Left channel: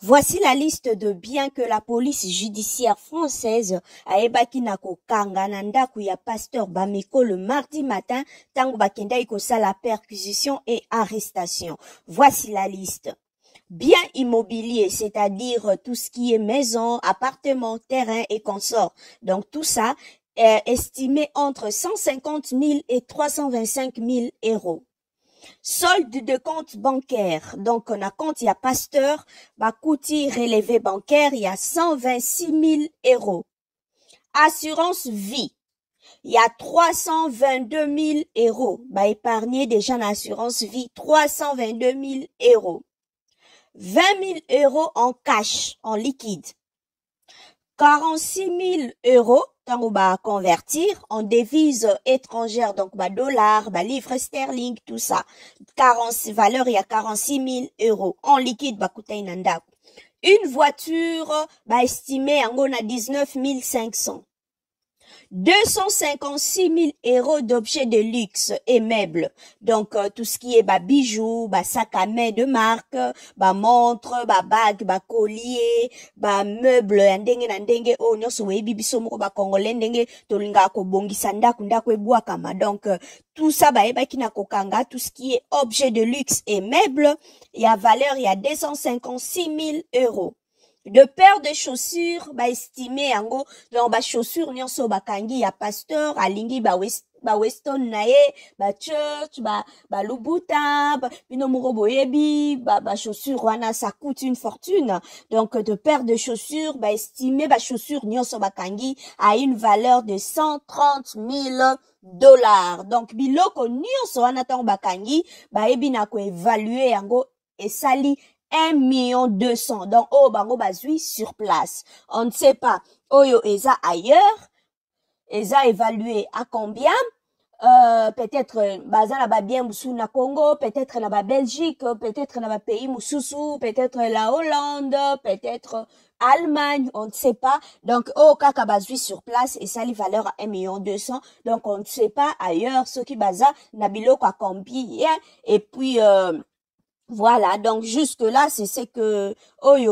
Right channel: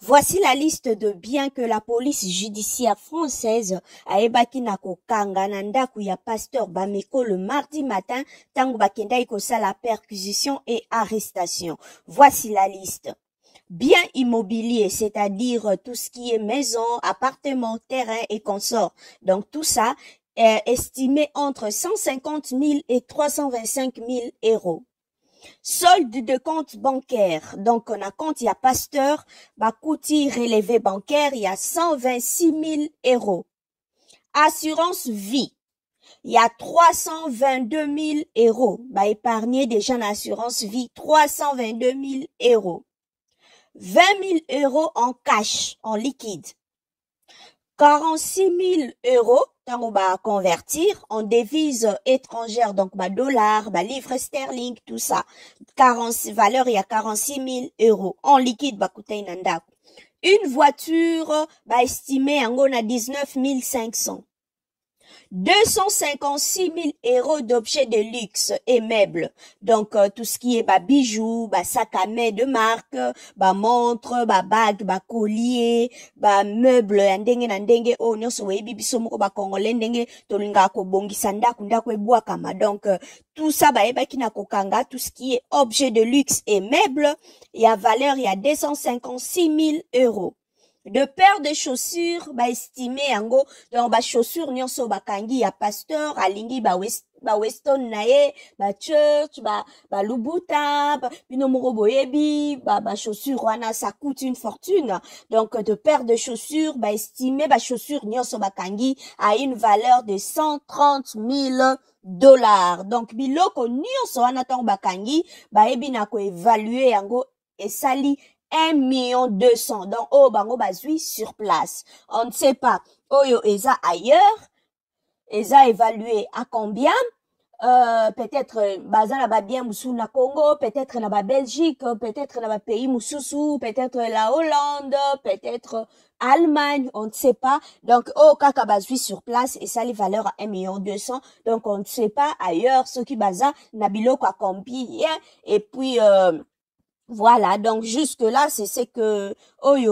Voici la liste de biens que la police judiciaire française a ebaki na kokanga na ndaku ya pasteur Bameko le mardi matin tango bakenda ikosa la perquisition et arrestation. Voici la liste. Biens immobiliers, c'est-à-dire tout ce qui est maison, appartement, terrain et consorts. Donc tout ça est estimé entre 150 000 et 325 000 euros. Solde de compte bancaire. Donc, on a compte, il y a pasteur, Bakouti relevé bancaire, il y a 126 000 euros. Assurance vie. Il y a 322 000 euros. Bah, épargner déjà en assurance vie, 322 000 euros. 20 000 euros en cash, en liquide. 46 000 euros, on va convertir en devises étrangères, donc bah, dollars, bah, livres sterling, tout ça. 40 valeur, il y a 46 000 euros. En liquide, bah, une voiture, bah, estimée en gros à 19 500. 256 000 euros d'objets de luxe et meubles. Donc, tout ce qui est bah, bijoux, bah, sac à main de marque, bah, montre, bah, bague, bah, collier, bah, meubles, ndenge na ndenge, oh, nyonso webi biso moko ba congolais ndenge, tolinga ko bongisa ndaku ndako ebwakama. Donc, tout ça, bah, ebaki na kokanga, tout ce qui est objet de luxe et meubles, il y a valeur, il y a 256 000 euros. De paires de chaussures, bah, estimé, en gros, donc, bah, chaussures, nyonso, bah, kangi, ya pasteur, alingi, bah, Weston nae, bah, church, bah, Louboutin, bah, binomoro boyebi, bah, chaussures, wana, ça coûte une fortune. Donc, de paires de chaussures, bah, estimé, bah, chaussures, nyonso, bah, kangi, à une valeur de 130 000 dollars. Donc, biloko, nyonso, wana, tang, bah, kangi, bah, ebi, na ko évaluer, en gros, et sali, 1 200 000. Donc, oh, bango bazui sur place. On ne sait pas. Oyo eza ailleurs. Eza évalué à combien? Peut-être, baza na ba bien moussou na Congo, peut-être na ba Belgique, peut-être na ba pays moussou, peut-être la Hollande, peut-être Allemagne, on ne sait pas. Donc, oh, kaka bazui sur place, et ça, les valeurs à 1 200 000. Donc, on ne sait pas ailleurs, ce qui baza na biloko à combien. Et puis, voilà, donc jusque-là, c'est ce que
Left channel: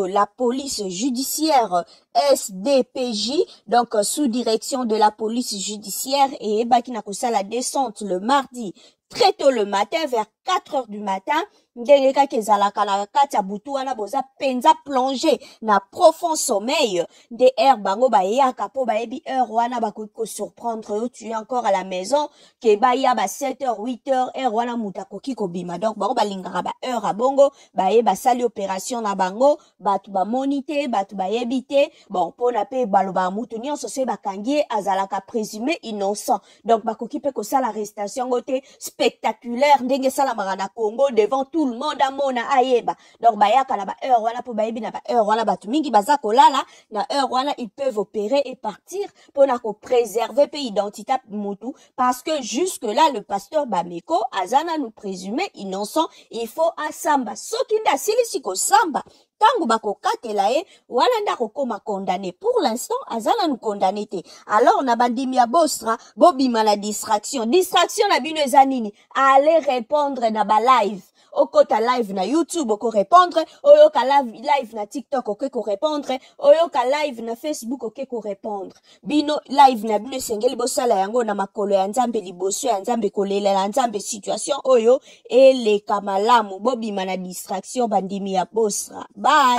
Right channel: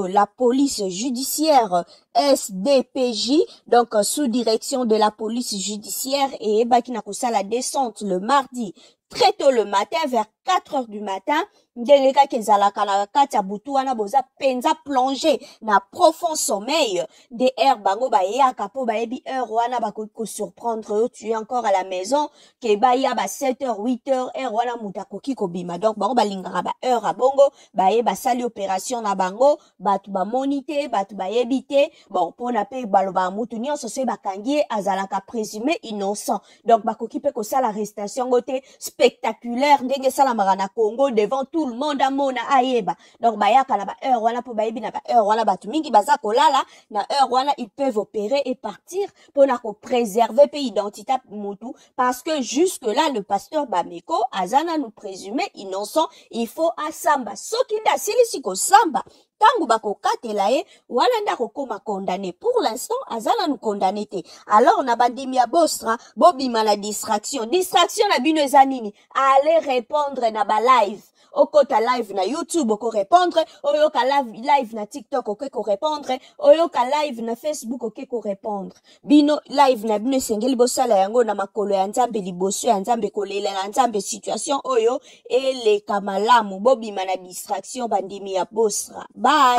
la police judiciaire SDPJ, donc sous direction de la police judiciaire, et Bakinakosa la descente le mardi, très tôt le matin, vers 4 heures du matin, ndeleka kezalaka na kati ya butu wana boza penza plongé na profond sommeil de air bango ba yaka po ba yebi heure wana ba ko surprendre tu es encore à la maison ke ba ya ba 7h 8h heure wana muta koki ko bima. Donc bango ba lingaka ba heure a bongo ba ye ba sali opération na bango ba tu ba moniter ba tu ba yebite bon pona pe baloba mutu nyonso se ba kangi azalaka présumé innocent. Donc ba koki pe ko sala arrestation gote spectaculaire ndenge sala marana Congo devant tout le monde a mona ayeba. Donc bayaka na ba heure wana po bayebi na ba heure wana batu mingi baza kolala na heure wana ils peuvent opérer et partir pour na ko préserver pe identité mutu parce que jusque là le pasteur Bameko azana nous présumer innocent. Il faut asamba soki nda silisi ko samba tango bako katela ye wala ndako koma condamné. Pour l'instant azana nous condamné te. Alors na bandimi ya bostra bobima na distraction na bino ezanini aller répondre na ba live okota live na YouTube oko répondre, oyoka live na TikTok oko répondre, oyoka live na Facebook oko répondre. Bino live na bino sengeli bosala yango na makolo ya Nzambe liboso ya Nzambe kolela Nzambe situation oyo ele kamalamu bobima na distraction bandimi ya bosra. Bye.